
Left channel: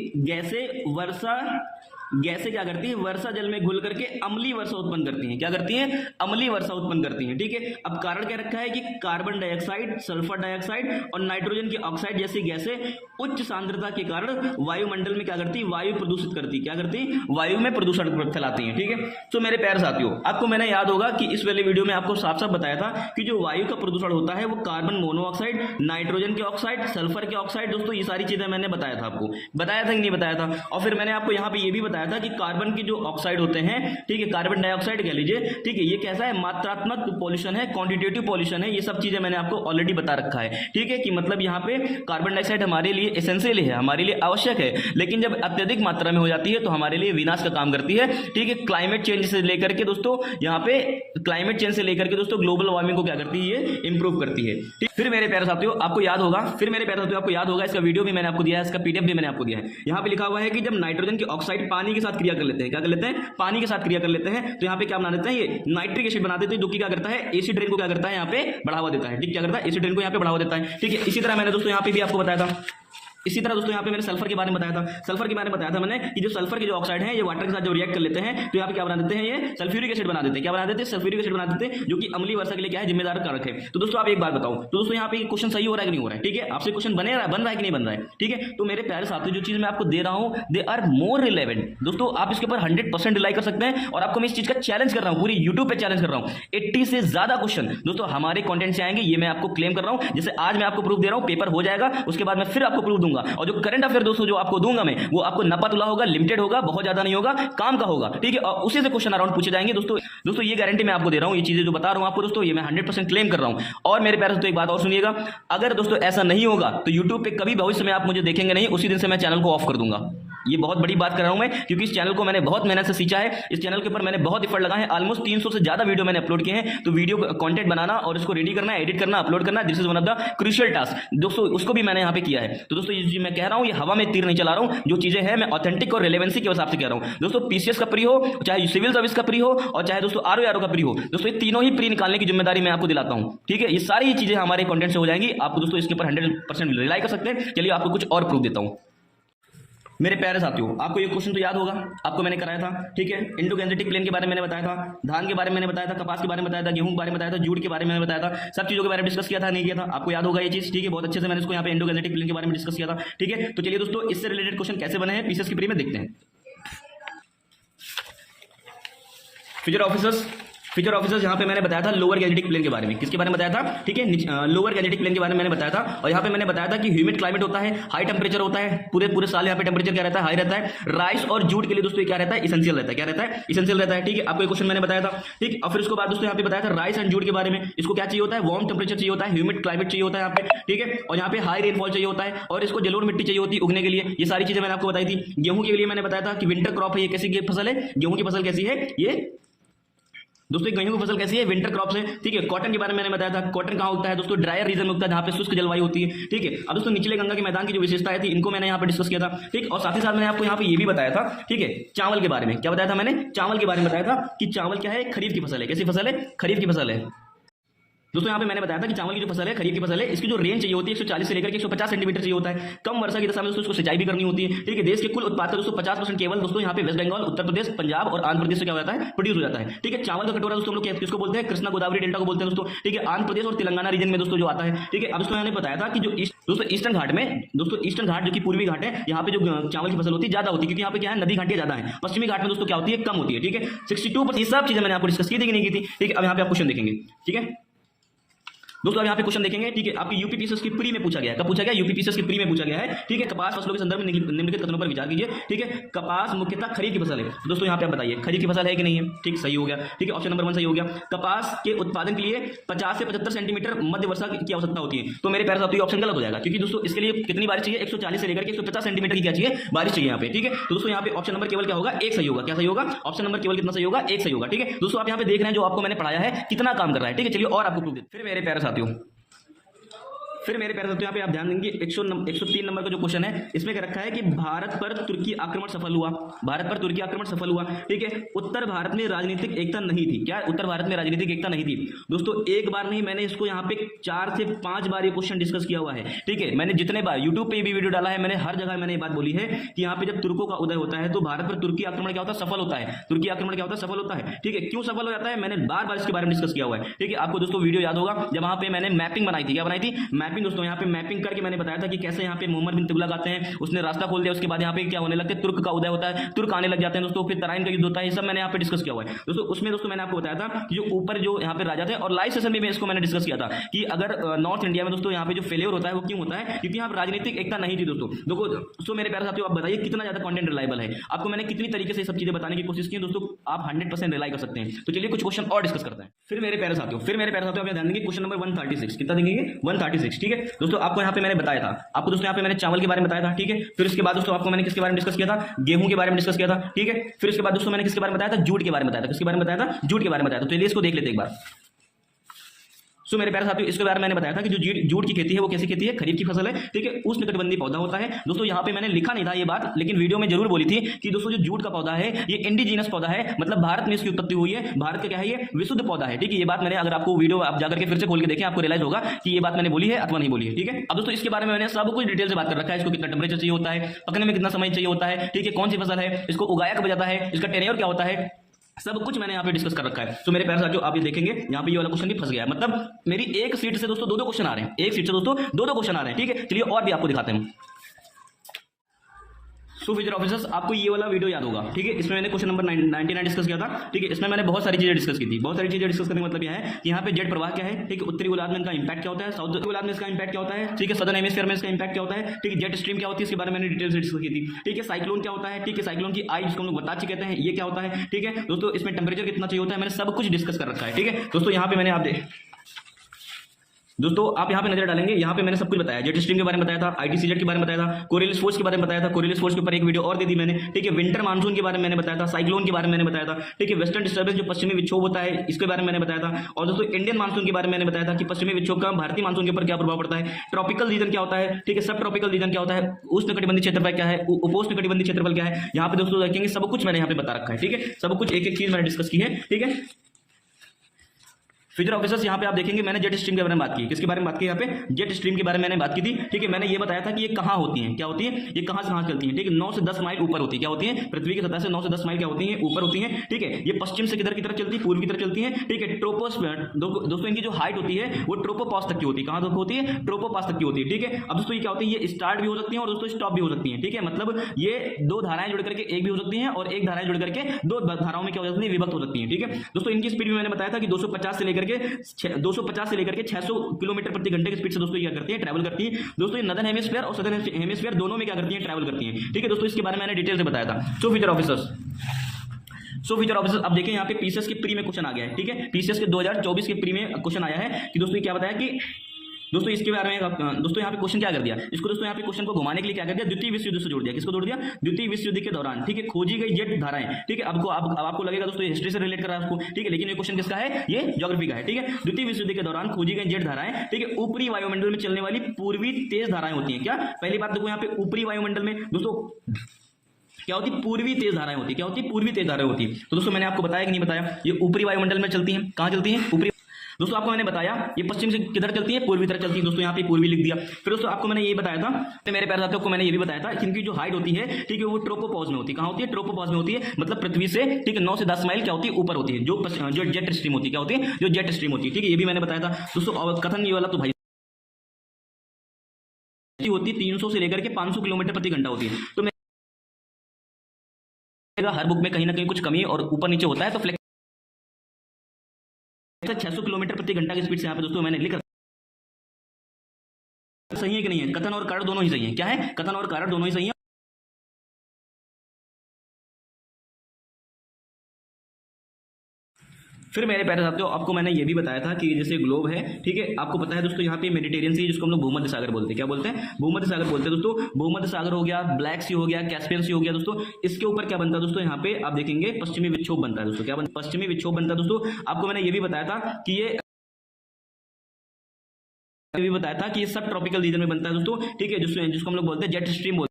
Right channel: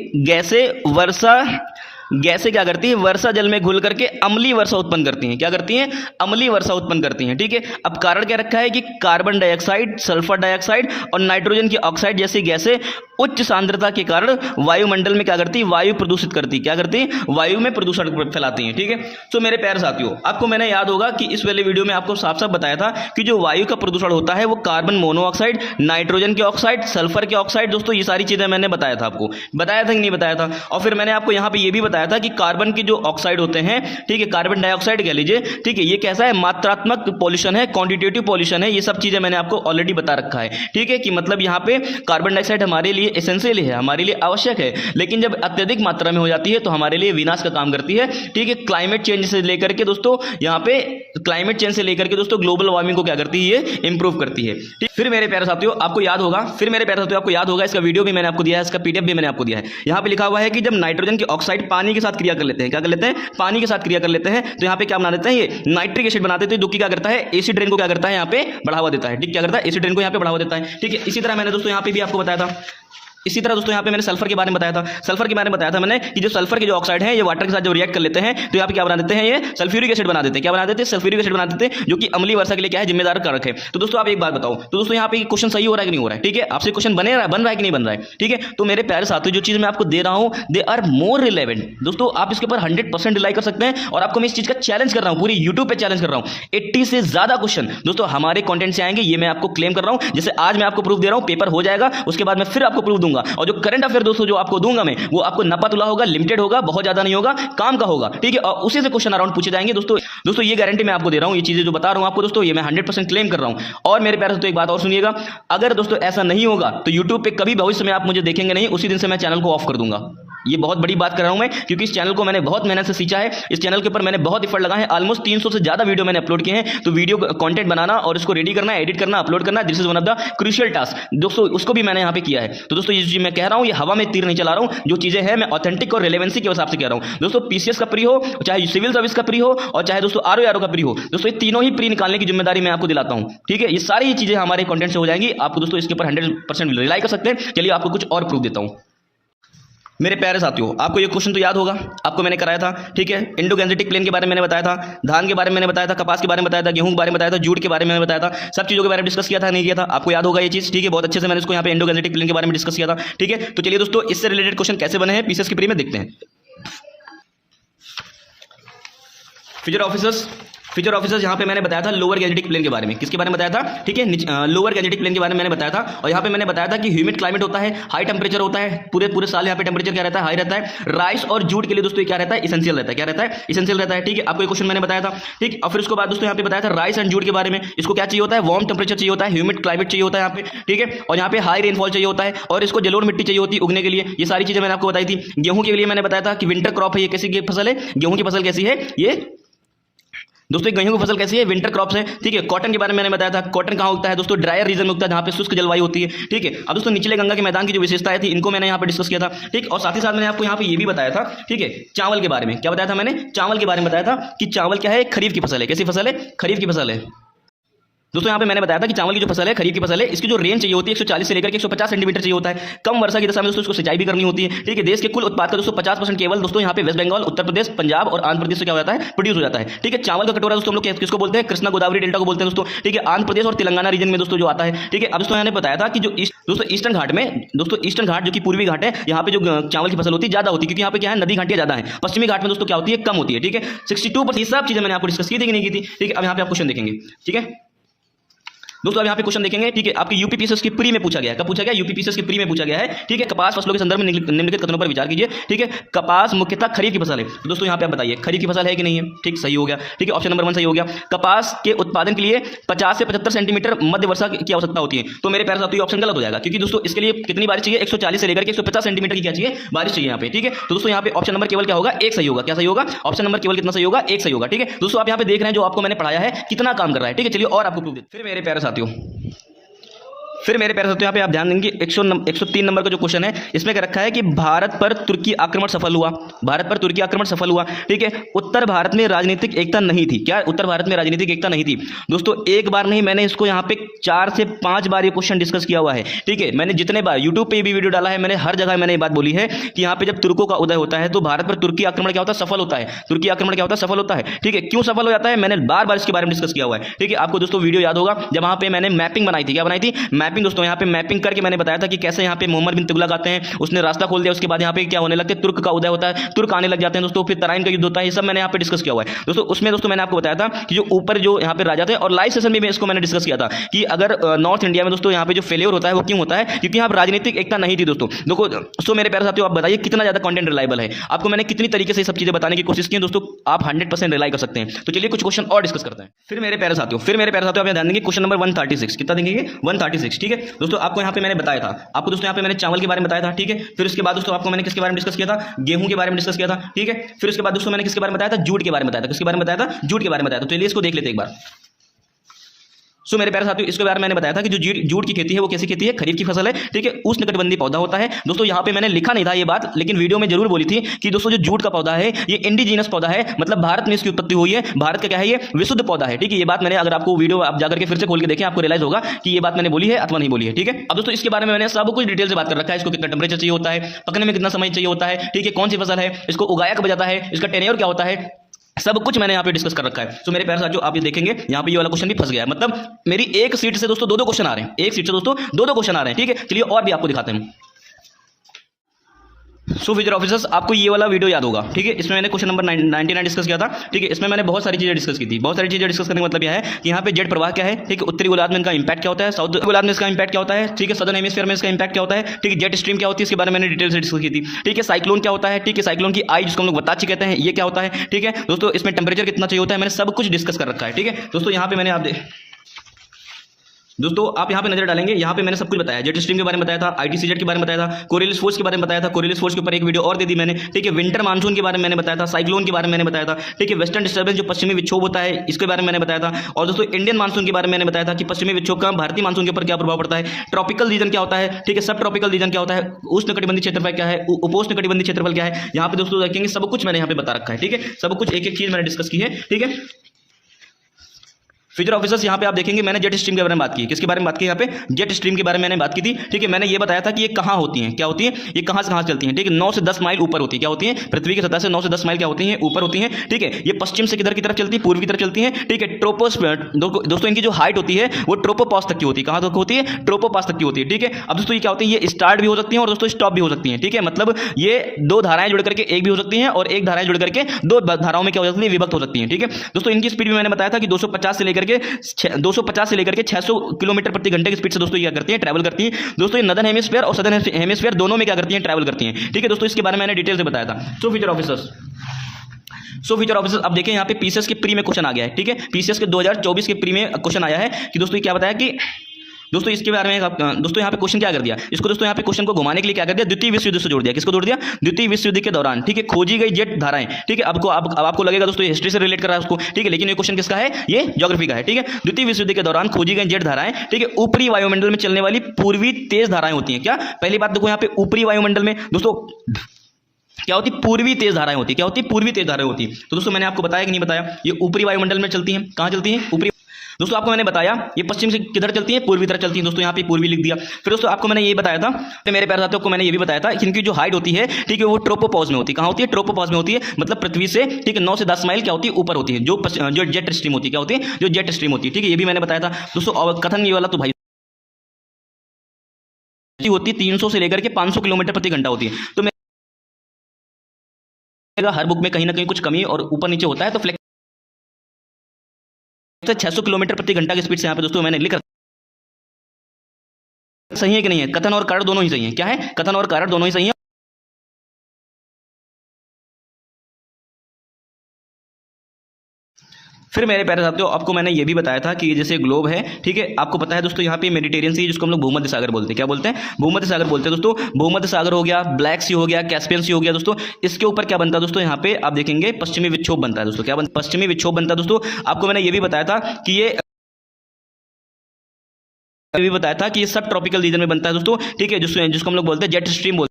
गैसें क्या करती है, वर्षा जल में घुल करके अम्लीय वर्षा उत्पन्न करती हैं, क्या करती हैं, अम्लीय वर्षा उत्पन्न करती हैं, ठीक है। अब कारण क्या रखा है कि कार्बन डाइऑक्साइड, सल्फर डाइऑक्साइड और नाइट्रोजन की ऑक्साइड जैसी गैसें उच्च सांद्रता के कारण वायुमंडल में क्या करती है, वायु प्रदूषित करती, क्या करती है, वायु में प्रदूषण फैलाती हैं, ठीक है। तो मेरे प्यारे साथियों आपको मैंने याद होगा कि इस वाले वीडियो में आपको साफ साफ बताया था कि जो वायु का प्रदूषण होता है वो कार्बन मोनोऑक्साइड, नाइट्रोजन के ऑक्साइड, सल्फर के ऑक्साइड, दोस्तों ये सारी चीजें मैंने बताया था, आपको बताया था कि नहीं बताया था। और फिर मैंने आपको यहाँ पे ये भी बताया था कि कार्बन के जो ऑक्साइड होते हैं, ठीक है, कार्बन डाइऑक्साइड कह लीजिए, ठीक है, ये कैसा है, मात्रात्मक पॉल्यूशन है, क्वांटिटेटिव पॉल्यूशन है, ये सब चीजें मैंने आपको ऑलरेडी बता रखा है, ठीक है, कि मतलब यहाँ पे कार्बन डाइऑक्साइड हमारे लिए एसेंशियल है, हमारे लिए आवश्यक है, लेकिन जब अत्यधिक मात्रा में हो जाती है तो हमारे लिए विनाश का काम करती है, ठीक है। क्लाइमेट चेंज से लेकर के दोस्तों यहाँ पे क्लाइमेट चेंज से लेकर के दोस्तों ग्लोबल वार्मिंग को क्या करती है, ये इंप्रूव करती है, ठीक। फिर मेरे प्यारे साथियों आपको याद होगा, इसका वीडियो भी मैंने आपको दिया है, इसका पीडीएफ भी मैंने आपको दिया है। यहाँ पे लिखा हुआ है कि जब नाइट्रोजन की ऑक्साइड पानी के साथ क्रिया कर लेते हैं, क्या कर लेते हैं, पानी के साथ क्रिया कर लेते हैं, तो यहाँ पे क्या बना देते हैं, ये नाइट्रिक एसिड बना देते हैं, जो कि क्या करता है, एसिड रेन को क्या करता है, यहाँ पे बढ़ावा देता है, ठीक, क्या करता है, एसिड रेन को यहाँ पे बढ़ावा देता है, ठीक है। इसी तरह मैंने दोस्तों यहाँ पे भी आपको बताया था, इसी तरह दोस्तों यहाँ पे मैंने सल्फर के बारे में बताया था, सल्फर के बारे में बताया था मैंने कि जो सल्फर के जो ऑक्साइड है ये वाटर के साथ जब रिएक्ट कर लेते हैं तो यहाँ पे क्या बना देते हैं, ये सल्फ्यूरिक एसिड बना देते हैं, क्या बना देते हैं, सल्फ्यूरिक एसिड बना देते हैं, जो कि अम्लीय वर्षा के लिए क्या है, जिम्मेदार कारक है। तो दोस्तों आप एक बात बताओ, तो दोस्तों यहाँ पे क्वेश्चन सही हो रहा है कि नहीं हो रहा है, ठीक है, आपसे क्वेश्चन बन रहा है कि नहीं बन रहा है, ठीक है। तो मेरे प्यारे साथियों जो चीज मैं आपको दे रहा हूँ दे आर मोर रिलेवेंट, दोस्तों आप इसके ऊपर 100% रिलाई कर सकते हैं, और आपको मैं इस चीज का चैलेंज कर रहा हूँ, पूरी यूट्यूब पे चैलेंज कर रहा हूँ। 80 से ज्यादा क्वेश्चन दोस्तों हमारे कंटेंट से आएंगे, ये मैं आपको क्लेम कर रहा हूँ। जैसे आज मैं आपको प्रूफ दे रहा हूँ, पेपर हो जाएगा, उसके बाद मैं फिर आपको प्रूफ दूंगा, और जो करंट अफेयर दोस्तों जो आपको दूंगा मैं, वो आपको नपा तुला होगा, लिमिटेड होगा, बहुत ज्यादा नहीं होगा, काम का होगा, ठीक है, और उसी से क्वेश्चन अराउंड पूछे जाएंगे दोस्तों ये गारंटी मैं आपको दे रहा हूं, ये चीजें जो बता रहा हूं आपको दोस्तों, ये मैं 100% क्लेम कर रहा हूं। और मेरे प्यारे दोस्तों एक बात और सुनिएगा, अगर दोस्तों ऐसा नहीं होगा तो यूट्यूब पे कभी भविष्य में आप मुझे देखेंगे नहीं, उसी दिन से मैं चैनल को ऑफ कर दूंगा। ये बहुत बड़ी बात कर रहा हूं मैं, क्योंकि इस चैनल को मैंने बहुत मेहनत से सींचा है, इस चैनल के ऊपर मैंने बहुत एफर्ट लगाए हैं, ऑलमोस्ट 300 से ज्यादा वीडियो मैंने अपलोड किए हैं। तो वीडियो कंटेंट बनाना और इसको रेडी करना, एडिट करना, अपलोड करना, this is one of the crucial task दोस्तों, उसको भी मैंने यहाँ पे किया है। तो दोस्तों ये चीज मैं कह रहा हूँ, ये हवा में तीर नहीं चला रहा हूँ, जो चीजें हैं मैं ऑथेंटिक और रिलेवेंसी के हिसाब से कह रहा हूँ दोस्तों। पीसीएस का प्री हो, चाहे सिविल सर्विस का प्री हो, और चाहे दोस्तों आरओ का प्री हो, दोस्तों ये तीनों ही प्री निकालने की जिम्मेदारी मैं आपको दिलाता हूँ, ठीक है। ये सारी चीजें हमारे कंटेंट से हो जाएंगी, आपको दोस्तों इसके ऊपर 100% रिलाई कर सकते हैं। चलिए आपको कुछ और प्रूफ देता हूँ। मेरे प्यारे साथियों, आपको ये क्वेश्चन तो याद होगा, आपको मैंने कराया था, ठीक है। इंडो गैंजेटिक प्लेन के बारे में मैंने बताया था, धान के बारे में मैंने बताया था, कपास के बारे में बताया था, गेहूं के बारे में बताया था, जूट के बारे में मैंने बताया था, सब चीज़ों के बारे में डिस्कस किया था, नहीं किया था, आपको याद होगा ये चीज़, ठीक है। बहुत अच्छे से मैंने इसको यहाँ पे इंडो गैंजेटिक प्लेन के बारे में डिस्कस किया था, ठीक है। तो चलिए दोस्तों, इससे रिलेटेड क्वेश्चन कैसे बने हैं पीसीएस की प्री में देखते हैं। फ्यूचर ऑफिसर्स यहाँ पे मैंने बताया था लोअर गैजेटिक प्लेन के बारे में, किसके बारे में बताया था, ठीक है, लोअर गैजेटिक प्लेन के बारे में मैंने बताया था। और यहाँ पे मैंने बताया था कि ह्यूमिड क्लाइमेट होता है, हाई टेम्परेचर होता है, पूरे साल यहाँ पे टेम्परेचर क्या रहता है, हाई रहता है। राइस और जूट के लिए दोस्तों क्या रहता है, इसेंशियल रहता है, क्या रहता है, इसेंशियल रहता है, ठीक है। आपको एक क्वेश्चन मैंने बताया था, ठीक। और फिर उसके बाद दोस्तों यहाँ पे बताया था राइस एंड जूट के बारे में, इसको क्या चाहिए होता है, वार्म टेम्परेचर चाहिए होता है, ह्यूमिड क्लाइमेट चाहिए होता है यहाँ पे, ठीक है। और यहाँ पे हाई रेनफॉल चाहिए होता है, और इसको जलोढ़ मिट्टी चाहिए होती है उगने के लिए। ये सारी चीजें मैंने आपको बताई थी। गेहूं के लिए मैंने बताया था कि विंटर क्रॉप है, ये कैसी फसल है, गेहूं की फसल कैसी है, ये दोस्तों गेहूं की फसल कैसी है, विंटर क्रॉप्स है, ठीक है। कॉटन के बारे में मैंने बताया था, कॉटन कहां उगता है दोस्तों, ड्रायर रीजन में उगता है, जहां पे शुष्क जलवायु होती है, ठीक है। अब दोस्तों निचले गंगा के मैदान की जो विशेषताएं थी, इनको मैंने यहां पे डिस्कस किया था, ठीक। और साथ ही साथ मैंने आपको यहां पे ये भी बताया था, ठीक है, चावल के बारे में। क्या बताया था मैंने, चावल के बारे में बताया था कि चावल क्या है, खरीफ की फसल है। कैसी फसल है, खरीफ की फसल है। दोस्तों यहाँ पे मैंने बताया था कि चावल की जो फसल है, खरीफ की फसल है, इसकी जो रेंज चाहिए होती है 140 से लेकर के 150 सेंटीमीटर चाहिए होता है। कम वर्षा की दशा में दोस्तों इसको सिंचाई भी करनी होती है, ठीक है। देश के कुल उत्पाद का दोस्तों 50% केवल दोस्तों यहाँ पे वेस्ट बंगाल, उत्तर प्रदेश, पंजाब और आंध्र प्रदेश से क्या हो जाता है, प्रोड्यूस हो जाता है, ठीक है। चावल का कटोरा दोस्तों हम लोग किसको बोलते हैं, कृष्णा गोदावरी डेल्टा को बोलते हैं दोस्तों, ठीक है। आंध्र प्रदेश और तेलंगाना रीजन में दोस्तों जो आता है, ठीक है। अब दोस्तों मैंने बताया था कि जो दोस्तों ईस्टर्न घाट में, दोस्तों ईस्टर्न घाट जो कि पूर्वी घाट है, यहाँ पे जो चावल की फसल होती है ज्यादा होती है, क्योंकि यहाँ पे क्या है, नदी घाटियां ज्यादा है। पश्चिमी घाट में दोस्तों क्या होती है, कम होती है, ठीक है। 62% सब चीजें मैंने आपको डिस्कस की थी कि नहीं की थी, ठीक है। अब यहाँ पे आप क्वेश्चन देखेंगे, ठीक है दोस्तों। अब यहाँ पे क्वेश्चन देखेंगे, ठीक है। आपकी यूपी पीसीएस की प्री में पूछा गया है, कब पूछा गया, यूपी पीसीएस की प्री में पूछा गया है, ठीक है। कपास फसलों के संदर्भ में निम्नलिखित कथनों पर विचार कीजिए, ठीक है। कपास मुख्यतः खरीफ की फसल है, तो दोस्तों यहाँ पे आप बताइए खरीफ की फसल है कि नहीं है, ठीक, सही हो गया, ठीक है। ऑप्शन नंबर 1 सही हो गया। कपास के उत्पादन के लिए 50 से 75 सेंटीमीटर मध्य वर्षा की आवश्यकता होती है, तो मेरे प्यारे साथियों ऑप्शन गलत हो जाएगा, क्योंकि दोस्तों इसके लिए कितनी बारिश चाहिए, 140 से लेकर के 150 सेंटीमीटर की क्या चाहिए, बारिश चाहिए यहाँ पे, ठीक है। तो दोस्तों यहाँ पे ऑप्शन नंबर केवल क्या होगा, एक सही होगा। क्या सही होगा, ऑप्शन नंबर केवल कितना सही होगा, एक सही होगा, ठीक है। दोस्तों आप यहाँ पे देख रहे हैं जो आपको मैंने पढ़ाया है कितना काम कर रहा है, ठीक है। चलिए और आपको प्रूफ देते हैं। फिर मेरे प्यारे साथियों यहाँ पे आप ध्यान देंगे 103 नंबर का जो क्वेश्चन है, इसमें क्या रखा है कि भारत पर तुर्की आक्रमण सफल हुआ, भारत पर तुर्की आक्रमण सफल हुआ, ठीक है। उत्तर भारत में राजनीतिक एकता नहीं थी, क्या उत्तर भारत में राजनीतिक एकता नहीं थी दोस्तों। एक बार नहीं, मैंने इसको यहाँ पे 4 से 5 बार ये क्वेश्चन डिस्कस किया हुआ है, ठीक है। मैंने जितने बार यूट्यूब पे भी वीडियो डाला है, मैंने हर जगह मैंने ये बात बोली है कि यहाँ पे जब तुर्कों का उदय होता है तो भारत पर तुर्की आक्रमण क्या होता है, सफल होता है। तुर्की आक्रमण क्या होता है, सफल होता है, ठीक है। क्यों सफल हो जाता है, मैंने बार बार इसके बारे में डिस्कस किया हुआ है, ठीक है। आपको दोस्तों वीडियो याद होगा जब वहाँ पे मैंने मैपिंग बनाई थी, क्या बनाई थी, मैपिंग दोस्तों। यहाँ पे मैपिंग करके मैंने बताया था कि कैसे यहाँ पे मोहम्मद बिन तुगलक आते हैं, उसने रास्ता खोल दिया, उसके बाद यहाँ पे क्या होने लगते हैं, तुर्क का उदय होता है, तुर्क आने लग जाते हैं दोस्तों, फिर तराइन का युद्ध होता है, ये सब मैंने यहाँ पे डिस्कस किया हुआ है दोस्तों। उसमें दोस्तों मैंने आपको बताया था कि जो ऊपर जो यहाँ पे राजा थे, और लाइव सेशन में मैं इसको मैंने डिस्कस किया था कि अगर नॉर्थ इंडिया में दोस्तों यहाँ पे जो फेलियर होता है वो क्यों होता है, क्योंकि यहाँ राजनीतिक एकता नहीं थी दोस्तों। दोस्तों मेरे प्यारे साथियों आप बताइए कितना ज्यादा कंटेंट रिलायबल है, आपको मैंने कितनी तरीके से सब चीजें बताने की कोशिश की है दोस्तों, आप 100% रिलाई कर सकते हैं। तो चलिए कुछ क्वेश्चन और डिस्कस करते हैं। फिर मेरे प्यारे साथियों आप ध्यान देंगे क्वेश्चन नंबर 136, कितना देंगे 136, ठीक है दोस्तों। आपको यहाँ पे मैंने बताया था, आपको दोस्तों यहाँ पे मैंने चावल के बारे में बताया था, ठीक है। फिर उसके बाद दोस्तों आपको मैंने किसके बारे में डिस्कस किया था, गेहूं के बारे में डिस्कस किया था, ठीक है। फिर उसके बाद दोस्तों मैंने किसके बारे में बताया था, जूट के बारे में बताया था, किसके बारे में बताया था, जूट के बारे में बताया था। तो चलिए इसको देख लेते हैं एक बार। सो मेरे प्यारे साथियों इसके बारे में मैंने बताया था कि जो जूट की खेती है वो कैसी खेती है, खरीफ की फसल है, ठीक है। उष्णकटिबंधीय पौधा होता है दोस्तों। यहाँ पे मैंने लिखा नहीं था ये बात, लेकिन वीडियो में जरूर बोली थी कि दोस्तों जो जूट का पौधा है ये इंडिजीनस पौधा है, मतलब भारत में इसकी उत्पत्ति हुई है, भारत का क्या है, ये विशुद्ध पौधा है, ठीक है। ये बात मैंने, अगर आपको वीडियो आप जाकर के फिर से खोल के देखें आपको रियलाइज होगा कि ये बात मैंने बोली है अथवा नहीं बोली है, ठीक है। अब दोस्तों इसके बारे में मैंने सब कुछ डिटेल से बात कर रखा है, इसको कितना टेम्परेचर चाहिए होता है, पकने में कितना समय चाहिए होता है, ठीक है, कौन सी फसल है, इसको उगाया कब जाता है, इसका टेन्योर क्या होता है, सब कुछ मैंने यहाँ पे डिस्कस कर रखा है। तो मेरे प्यारे साथियों आप ये देखेंगे यहाँ पे ये वाला क्वेश्चन भी फंस गया है, मतलब मेरी एक सीट से दोस्तों 2-2 क्वेश्चन आ रहे हैं, एक सीट से दोस्तों 2-2 क्वेश्चन आ रहे हैं, ठीक है। चलिए और भी आपको दिखाते हैं। सो फ्यूचर ऑफिसर्स आपको ये वाला वीडियो याद होगा, ठीक है। इसमें मैंने क्वेश्चन नंबर 99 डिस्कस किया था, ठीक है। इसमें मैंने बहुत सारी चीजें डिस्कस की थी। बहुत सारी चीजें डिस्कस करने का मतलब यह है कि यहाँ पे जेट प्रवाह क्या है, ठीक है। उत्तरी गोलार्ध में इनका इंपैक्ट क्या होता है, साउथ गोलार्ध में इसका इंपैक्ट क्या होता है, ठीक है। सदर्न हेमिस्फीयर में इसका इंपैक्ट क्या होता है, ठीक है। जेट स्ट्रीम क्या होती है इसके बारे में मैंने डिटेल से डिस्कस की थी, ठीक है। साइक्लोन क्या होता है, ठीक है। साइक्लोन की आई जिसको हम लोग बताची कहते हैं, ये क्या होता है, ठीक है दोस्तों। इसमें टेम्परेचर कितना चाहिए होता है, मैंने सब कुछ डिस्कस कर रखा है, ठीक है दोस्तों। यहाँ पे मैंने दोस्तों आप यहाँ पे नजर डालेंगे, यहाँ पे मैंने सब कुछ बताया, जेट स्ट्रीम के बारे में बताया था, आईटीसीजेड के बारे में बताया था, कोरियलिस फोर्स के बारे में बताया था, कोरियलिस फोर्स के ऊपर एक वीडियो और दे दी मैंने, ठीक है। विंटर मानसून के बारे में मैंने बताया था, साइक्लोन के बारे में मैंने बताया था, ठीक है। वेस्टर्न डिस्टर्बेंस जो पश्चिमी विक्षोभ होता है इसके बारे में मैंने बताया था। और दोस्तों इंडियन मानसून के बारे में मैंने बताया था कि पश्चिमी विक्षोभ का भारतीय मानसून के ऊपर क्या प्रभाव पड़ता है, ट्रॉपिकल रीजन क्या होता है, ठीक है, सब ट्रॉपिकल रीजन क्या होता है, उष्णकटिबंधीय क्षेत्रफल क्या है, उपोष्णकटिबंधीय क्षेत्रफल क्या है, यहाँ पे दोस्तों देखेंगे सब कुछ मैंने यहाँ पे बता रखा है, ठीक है। सब कुछ एक एक चीज मैंने डिस्कस की है, ठीक है। फ्यूचर ऑफिसर्स यहाँ पे आप देखेंगे मैंने जेट स्ट्रीम के बारे में बात की। किसके बारे में बात की? यहाँ पे जेट स्ट्रीम के बारे में मैंने बात की थी। ठीक है, मैंने ये बताया था कि ये कहाँ होती हैं, क्या होती है, ये कहाँ से कहाँ चलती हैं। ठीक है, 9 से 10 माइल ऊपर होती है। क्या होती है? पृथ्वी की सतह से 9 से 10 माइल क्या होती हैं? ऊपर होती हैं। ठीक है, ये पश्चिम से किधर की तरफ चलती है? पूर्व की तरफ चलती है। ठीक है, ट्रोपोस्फीयर दोस्तों इनकी जो हाइट होती है वो ट्रोपोपॉज तक की होती है। कहाँ तक होती है? ट्रोपोपॉज तक की होती है। ठीक है, अब दोस्तों ये क्या होती है? ये स्टार्ट भी हो सकती है और दोस्तों स्टॉप भी हो सकती है। ठीक है, मतलब ये दो धाराएं जुड़ करके एक भी हो सकती हैं और एक धाराएं जुड़ करके दो धाराओं में क्या हो सकती है? विभक्त हो सकती हैं। ठीक है दोस्तों, इनकी स्पीड भी मैंने बताया था कि 250 से लेकर के 600 किलोमीटर प्रति घंटे की स्पीड से दोस्तों ये क्या करती हैं? ट्रैवल करती हैं। दोस्तों ये नदर्न हेमिस्फीयर और सदर्न हेमिस्फीयर दोनों में क्या करती हैं? ट्रैवल करती हैं। ठीक है दोस्तों, इसके बारे में मैंने डिटेल से बताया था। सो फ्यूचर ऑफिसर्स अब देखें यहाँ पे पीसीएस के प्री में क्वेश्चन आ गया है। ठीक है, पीसीएस के 2024 के प्री में क्वेश्चन आया है कि दोस्तों ये क्या बताया कि दोस्तों इसके बारे में दोस्तों यहाँ पे क्वेश्चन क्या कर दिया, इसको दोस्तों यहाँ पे क्वेश्चन को घुमाने के लिए क्या कर दिया? द्वितीय विश्व युद्ध से जोड़ दिया। किसको जोड़ दिया? द्वितीय विश्व युद्ध के दौरान। ठीक है, खोजी गई जेट धाराएं। ठीक है, अब आपको लगेगा दोस्तों हिस्ट्री से रिलेट कर रहा है उसको। ठीक है, लेकिन ये क्वेश्चन किसका है? ये ज्योग्राफी का है। ठीक है, द्वितीय विश्व युद्ध के दौरान खोजी गई जेट धाराएं। ठीक है, ऊपरी वायुमंडल में चलने वाली पूर्वी तेज धाराएं होती हैं। क्या? पहली बात देखो यहाँ पे ऊपरी वायुमंडल में दोस्तों क्या होती? पूर्वी तेज धाराएं होती है। क्या होती? पूर्वी तेज धाराएं होती है। तो दोस्तों मैंने आपको बताया कि नहीं बताया? ये ऊपरी वायुमंडल में चलती हैं। कहाँ चलती हैं? ऊपरी। दोस्तों आपको मैंने बताया ये पश्चिम से किधर चलती है? पूर्वी तरफ चलती है। दोस्तों यहाँ पे पूर्वी लिख दिया। फिर दोस्तों आपको मैंने ये बताया था, मेरे प्यारे साथियों को मैंने ये भी बताया था कि इनकी जो हाइट होती है, ठीक है, वो ट्रोपोपॉज में होती है। कहाँ होती है? ट्रोपोपॉज में होती है, मतलब पृथ्वी से, ठीक है, 9 से 10 माइल क्या होती है? ऊपर होती है। जो जेट स्ट्रीम होती है, क्या होती है? जो जेट स्ट्रीम होती है। ठीक है, ये भी मैंने बताया था दोस्तों। और कथन ये वाला तो भाई होती है 300 से लेकर के 500 किलोमीटर प्रति घंटा होती है। तो हर बुक में कहीं ना कहीं कुछ कमी और ऊपर नीचे होता है, तो 600 किलोमीटर प्रति घंटा की स्पीड से यहाँ पे दोस्तों मैंने लिख सही है कि नहीं है? कथन और कारण दोनों ही सही है। क्या है? कथन और कारण दोनों ही सही है। फिर मेरे प्यारे साथियों आपको मैंने ये भी बताया था कि जैसे ग्लोब है, ठीक है, आपको पता है दोस्तों यहाँ पे मेडिटेरियन सी, जिसको हम लोग भूमध्य सागर बोलते हैं। क्या बोलते हैं? भूमध्य सागर बोलते हैं दोस्तों। भूमध्य सागर हो गया, ब्लैक सी हो गया, कैस्पियन सी हो गया दोस्तों। इसके ऊपर क्या बनता है दोस्तों? यहाँ पे आप देखेंगे पश्चिमी विक्षोभ बनता है दोस्तों। क्या बनता? पश्चिमी विक्षोभ बनता है दोस्तों। आपको मैंने ये भी बताया था कि ये सब ट्रॉपिकल रीजन में बनता है दोस्तों। ठीक है, जिसको हम लोग बोलते हैं जेट स्ट्रीम बोलते हैं,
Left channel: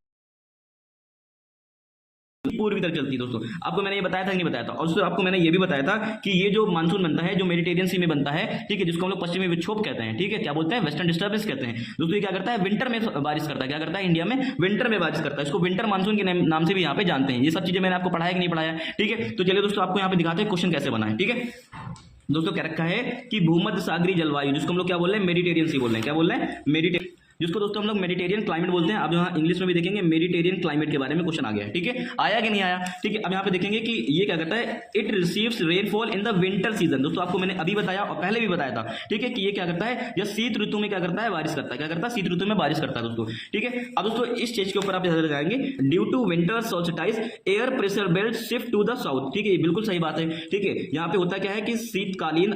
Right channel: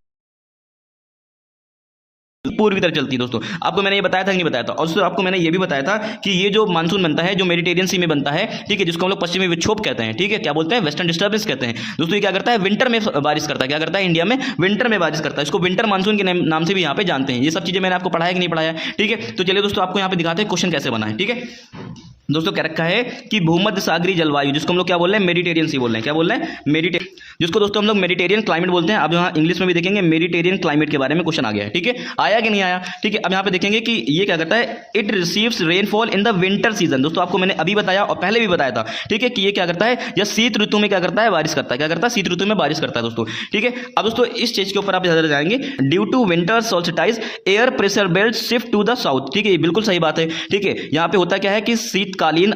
पूर्वी तरफ चलती है दोस्तों। आपको मैंने ये बताया था कि नहीं बताया था? और दोस्तों आपको मैंने ये भी बताया था कि ये जो मानसून बनता है, जो मेडिटेरियन सी में बनता है, ठीक है, जिसको हम लोग पश्चिमी विक्षोभ कहते हैं। ठीक है, क्या बोलते हैं? वेस्टर्न डिस्टर्बेंस कहते हैं दोस्तों। ये क्या करता है? विंटर में बारिश करता है। क्या करता है? इंडिया में विंटर में बारिश करता है। इसको विंटर मानसून के नाम से भी यहाँ पे जानते हैं। ये सब चीजें मैंने आपको पढ़ाया कि नहीं पढ़ाया? ठीक है, तो चलिए दोस्तों आपको यहाँ पे दिखाते हैं क्वेश्चन कैसे बना है। ठीक है दोस्तों, क्या रखा है कि भूमध्य सागरीय जलवायु, जिसको हम लोग क्या बोल रहे हैं? मेडिटेरियन सी बोल रहे हैं। क्या बोल रहे हैं? मेडिटेरियन, जिसको दोस्तों हम लोग मेडिटेरियन क्लाइमेट बोलते हैं। अब यहाँ इंग्लिश में भी देखेंगे मेडिटेरियन क्लाइमेट के बारे में क्वेश्चन आ गया है। ठीक है, आया कि नहीं आया? ठीक है, अब यहाँ पे देखेंगे कि ये क्या करता है? It receives rainfall in the winter season. दोस्तों आपको मैंने अभी बताया और पहले भी बताया था, ठीक है, कि ये क्या करता है? या शीत ऋतु में क्या करता है? बारिश करता है। क्या करता है? शीत ऋतु में बारिश करता है दोस्तों। ठीक है, अब दोस्तों इस चीज के ऊपर आप ज्यादा जाएंगे। Due to winter solstice air pressure belt shift to the south. ठीक है, बिल्कुल सही बात है। ठीक है, यहाँ पे होता क्या है कि शीतकालीन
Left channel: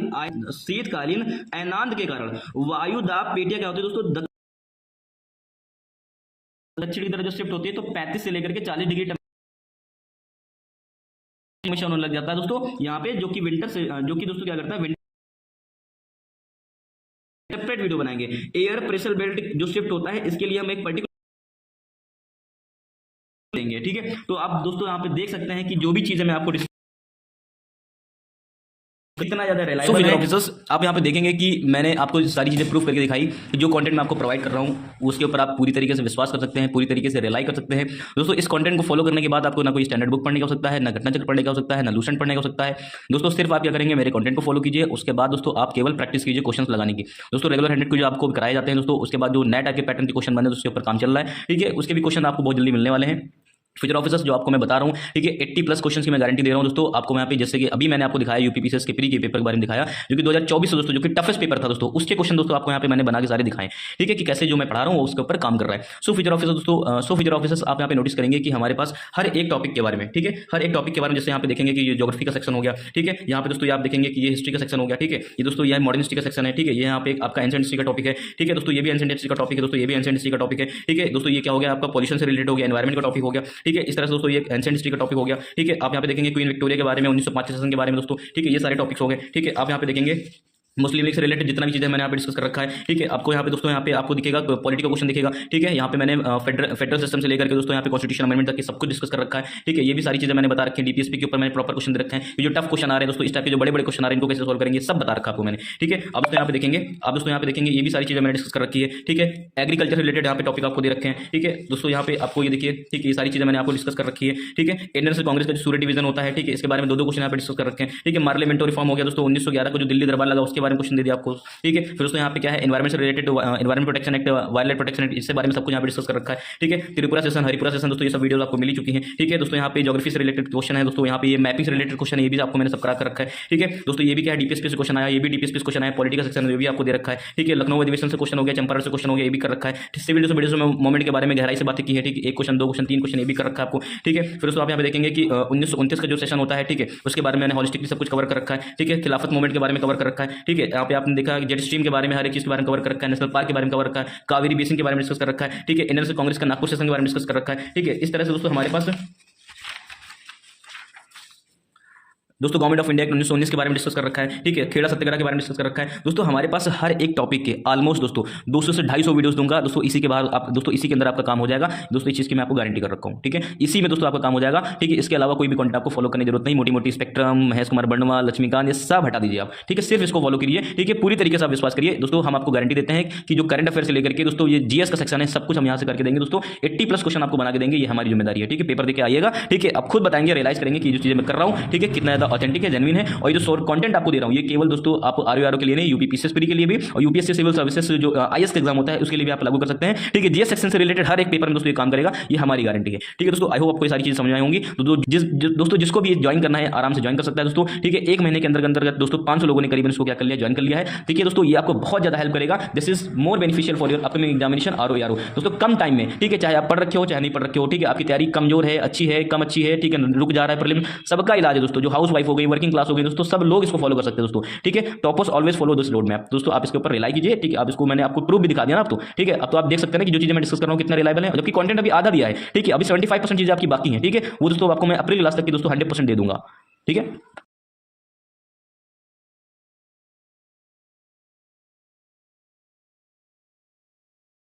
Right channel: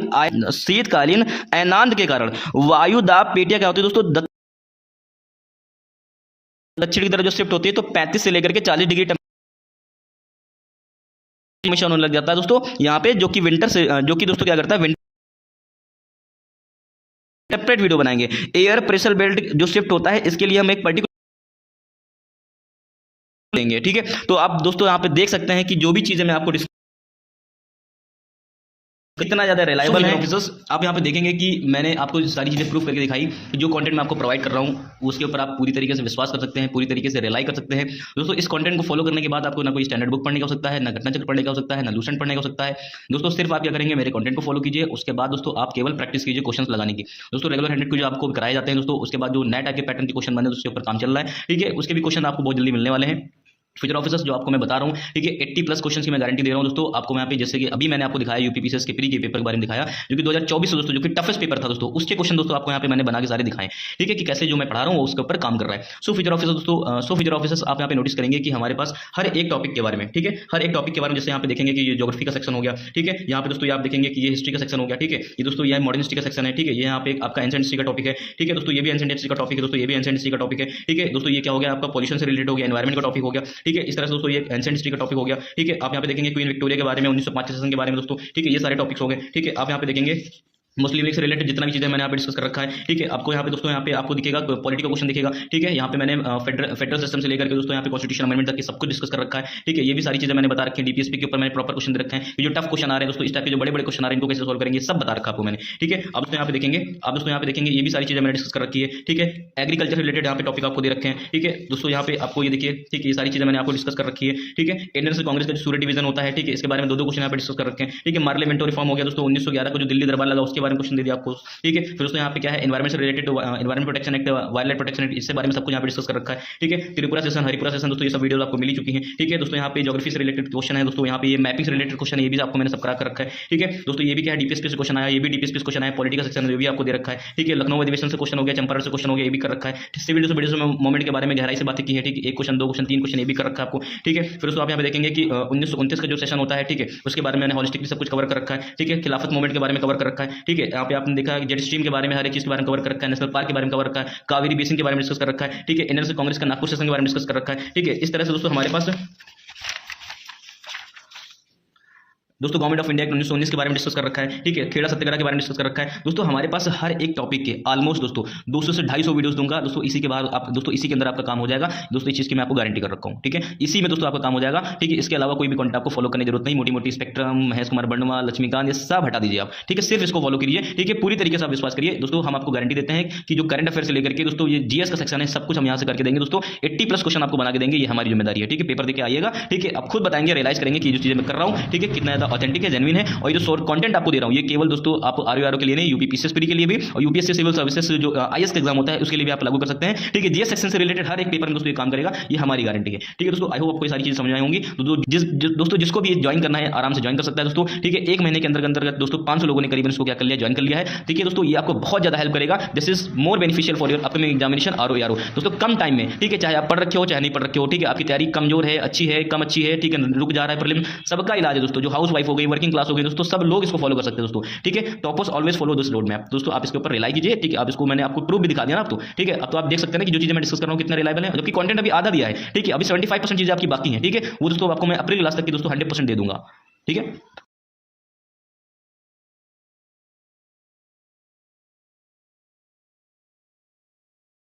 अयनांत के कारण वायु दाब पेटियां क्या होती है दोस्तों? दक्षिण की तरफ जो शिफ्ट होती है, तो 35 से लेकर के 40 डिग्री टेंपरेचर होने लग जाता है दोस्तों यहाँ पे, जो कि विंटर से, जो कि दोस्तों क्या करता है? विंटर सेपरेट वीडियो बनाएंगे। एयर प्रेशर बेल्ट जो शिफ्ट होता है, इसके लिए हम एक पर्टिकुलर लेंगे। ठीक है, तो आप दोस्तों यहाँ पे देख सकते हैं कि जो भी चीजें मैं आपको कितना ज्यादा रिलायबल है ऑफिसर्स। आप यहाँ पे देखेंगे कि मैंने आपको सारी चीजें प्रूफ करके दिखाई। जो कंटेंट मैं आपको प्रोवाइड कर रहा हूँ उसके ऊपर आप पूरी तरीके से विश्वास कर सकते हैं, पूरी तरीके से रिलाई कर सकते हैं दोस्तों। इस कंटेंट को फॉलो करने के बाद आपको ना कोई स्टैंडर्ड बुक पढ़ने का हो सकता है, ना घटना चक्र पढ़ने का हो सकता है, ना लूसेंट पढ़ने का हो सकता है दोस्तों। सिर्फ आप क्या करेंगे? मेरे कंटेंट को फॉलो कीजिए। उसके बाद दोस्तों आप केवल प्रैक्टिस कीजिए क्वेश्चन लगाने की दोस्तों। रेगुलर 100 के जो आपको कराए जाते हैं दोस्तों, उसके बाद जो नए टाइप के पैटर्न के क्वेश्चन बने उसके ऊपर काम चल रहा है। ठीक है, उसके भी क्वेश्चन आपको बहुत जल्दी मिलने वाले हैं। फ्यूचर ऑफिसर्स जो आपको मैं बता रहा हूँ, ठीक है, 80+ क्वेश्चन की मैं गारंटी दे रहा हूँ दोस्तों आपको। यहाँ पे जैसे कि अभी मैंने आपको दिखाया यूपीपीसीएस के प्री के पेपर के बारे में दिखाया, जो कि 2024 दोस्तों, जो कि टफेस्ट पेपर था दोस्तों, उसके क्वेश्चन दोस्तों आपको यहाँ पे मैंने बना के सारे दिखाए। ठीक है, कि कैसे जो मैं पढ़ा रहा हूँ उसके ऊपर काम कर रहा है। सो फ्यूचर ऑफिसर दोस्तों, फ्यूचर ऑफिसर्स आप यहाँ पे नोटिस करेंगे कि हमारे पास हर एक टॉपिक के बारे में, ठीक है, हर एक टॉपिक के बारे में, जैसे यहाँ पे देखेंगे कि ये ज्योग्राफी का सेक्शन हो गया। ठीक है, यहाँ पे दोस्तों आप देखेंगे कि ये हिस्ट्री का सेक्शन हो गया। ठीक है, ये दोस्तों ये मॉडर्न हिस्ट्री का सेक्शन है। ठीक है, ये यहाँ पे आपका एंशिएंट हिस्ट्री का टॉपिक है। ठीक है दोस्तों, ये भी एंशिएंट हिस्ट्री का टॉपिक है दोस्तों, ये भी एंशिएंट हिस्ट्री का टॉपिक है। ठीक है दोस्तों, ये क्या हो गया? आपका पॉल्यूशन से रिलेटेड हो गया, एनवायरमेंट का टॉपिक हो गया। ठीक है, इस तरह से दोस्तों ये एंशिएंट हिस्ट्री का टॉपिक हो गया। ठीक है, आप यहाँ पे देखेंगे क्वीन विक्टोरिया के बारे में, 1905 सेशन के बारे में दोस्तों। ठीक है, ये सारे टॉपिक्स हो गए। ठीक है, आप यहाँ पे देखेंगे मुस्लिम लीग से रिलेटेड जितना भी चीज़ें मैंने यहाँ पे डिस्कस कर रखा है, ठीक है। आपको यहाँ पे दोस्तों यहाँ पे आपको दिखेगा पॉलिटिकल क्वेश्चन दिखेगा, ठीक है। यहाँ पे मैंने फेडरल सिस्टम से लेकर के दोस्तों यहाँ पे कॉन्स्टिट्यूशन अमेंडमेंट तक सब कुछ डिस्कस कर रखा है, ठीक है। ये भी सारी चीज़ें मैंने बता रखी है। डीपीएसपी के ऊपर मैंने प्रॉपर क्वेश्चन दे रखे हैं। ये जो टफ क्वेश्चन आ रहे हैं दोस्तों, इस टाइप के जो बड़े बड़े क्वेश्चन आ रहे हैं इनको कैसे सोल्व करेंगे सब बता रखा आपको मैंने, ठीक है। अब यहाँ पे देखेंगे, आप दोस्तों यहाँ पे देखेंगे ये भी सारी चीज़ें मैंने डिस्कस कर रखी है, ठीक है। एग्रीकल्चर रिलेटेड यहाँ पे टॉपिक आपको दे रखे हैं, ठीक है दोस्तों। यहाँ पे आपको ये देखिए, ठीक है, ये सारी चीज़ें मैंने आपको डिस्कस कर रखी है, ठीक है। इंडियन नेशनल कांग्रेस का जो सूर्य डिवीजन होता है, ठीक है, इसके बारे में दो क्वेश्चन यहाँ पे डिस्कस कर रखे हैं, ठीक है। पार्लियामेंटरी रिफॉर्म हो गया दोस्तों 1911 को जो दिल्ली दरबार लगा उसके बारे में क्वेश्चन दे दिया आपको, ठीक है। फिर दोस्तों यहाँ पे क्या है, एनवायरमेंट से related environment protection act, wild life protection act, इसके बारे में सब कुछ यहाँ पे डिस्कस कर रखा है, ठीक है। त्रिपुरा सेशन, हरिपुरा सेशन दोस्तों ये सब वीडियोस आपको मिल चुकी हैं, ठीक है दोस्तों। यहाँ पे ज्योग्राफी से रिलेटेड क्वेश्चन है दोस्तों, यहाँ पे ये मैपिंग से रिलेटेड क्वेश्चन है, ये भी आपको मैंने सब करा कर रखा है, ठीक है दोस्तों। ये भी क्या है, डीपीएसपी से क्वेश्चन आया, ये भी डीपीएसपी से क्वेश्चन आया। पॉलिटिकल सेक्शन में भी आपको दे रखा है, ठीक है। लखनऊ अधिवेशन से क्वेश्चन हो गया, चंपारण से क्वेश्चन हो गया, ये भी कर रखा है। सिविल डिसोबीडियंस मूवमेंट के बारे में गहराई से बात की है, ठीक है। एक क्वेश्चन, दो क्वेश्चन, तीन क्वेश्चन ये भी कर रखा है आपको, ठीक है। फिर उसको आप यहाँ पे देखेंगे कि 1929 का जो सेशन होता है, ठीक है, उसके बारे में मैंने हॉलिस्टिकली सब कुछ कवर कर रखा है, ठीक है। खिलाफत मूवमेंट के बारे में कवर कर रखा है, ठीक है। यहाँ पे आपने देखा जेट स्ट्रीम के बारे में हर एक चीज के बारे में कवर कर रखा है, नेशनल पार्क के बारे में कवर रखा है, कावेरी बेसिन के बारे में डिस्कस कर रखा है, ठीक है। इंडियन नेशनल कांग्रेस का नागपुर सेशन के बारे में डिस्कस कर रखा है, ठीक है। इस तरह से दोस्तों हमारे पास दोस्तों गवर्नमेंट ऑफ इंडिया 1919 के बारे में डिस्कस कर रखा है, ठीक है। खेड़ा सत्याग्रह के बारे में डिस्कस कर रखा है दोस्तों। हमारे पास हर एक टॉपिक के ऑलमोस्ट दोस्तों 200 से 250 वीडियोस दूंगा दोस्तों। इसी के बाद आप दोस्तों इसी के अंदर आपका काम हो जाएगा दोस्तों। इस चीज़ की मैं आपको गारंटी कर रखा हूँ, ठीक है। इसी में दोस्तों आपका काम हो जाएगा, ठीक है। इसके अलावा कोई भी कंटेंट आपको फॉलो करने की जरूरत नहीं। मोटी मोटी स्पेक्ट्रम, महेश कुमार बर्णवा, लक्ष्मीकांत, ये सब हटा दीजिए आप, ठीक है। सिर्फ इसको फॉलो करिए, ठीक है। पूरी तरीके से आप विश्वास करिए दोस्तों। हम आपको गारंटी देते हैं कि जो करंट अफेयर से लेकर के दोस्तों ये जीएस का सेक्शन है, सब कुछ हम यहाँ से करके देंगे दोस्तों। 80+ क्वेश्चन आपको बना के देंगे, ये हमारी जिम्मेदारी है, ठीक है। पेपर देके आइएगा, ठीक है। आप खुद बताएंगे, रियलाइज करेंगे कि जो चीजें मैं कर रहा हूँ, ठीक है, कितना ज्यादा ऑथेंटिक है, जेन्युइन है। और ये जो शॉर्ट कंटेंट आपको दे रहा हूँ, ये केवल दोस्तों आप आरओ के लिए नहीं, यूपी पीसीएस के लिए भी, और यूपीएससी सिविल सर्विसेज जो आईएएस का एग्जाम होता है उसके लिए भी आप लागू कर सकते हैं, ठीक है। जीएस सेक्शन से रिलेटेड हर एक पेपर में दोस्तों ये काम करेगा, ये हमारी गारंटी है, ठीक है दोस्तों। आई होप आपको ये सारी चीजें समझ आई होंगी। तो दोस्तों जिसको भी ज्वाइन करना है आराम से ज्वाइन कर सकता है दोस्तों, ठीक है। एक महीने के अंदर दोस्तों 500 लोगों ने करीबन इसको क्या कर लिया, ज्वाइन कर लिया है, ठीक है दोस्तों। ये आपको बहुत ज्यादा हेल्प करेगा। This is more beneficial for your upcoming examination RO दोस्तों। कम टाइम में, ठीक है, चाहे आप पढ़ रखे हो चाहे नहीं पढ़ रखे हो, ठीक है। आपकी तैयारी कमजोर है, अच्छी है, कम अच्छी है, ठीक है, रुक जा रहा है प्रीलिम, सबका इलाज है दोस्तों। जो हाउस वाइफ हो गई, वर्किंग क्लास हो गई दोस्तों, सब लोग इसको फॉलो कर सकते हैं दोस्तों, ठीक है। Toppers always follow this road map दोस्तों। आप इसके ऊपर रिलाई कीजिए, ठीक है। आप इसको मैंने आपको प्रूफ भी दिखा दिया ना आप तो, ठीक है। अब तो आप देख सकते हैं कि जो चीजें मैं डिस्कस कर रहा हूं कितना रिलायबल है, जबकि कंटेंट अभी आधा दिया है, ठीक है। अभी 75% चीजें आपकी बाकी हैं, ठीक है। वो दोस्तों आपको मैं अप्रैल लास्ट तक की दोस्तों 100% दे दूंगा, ठीक है।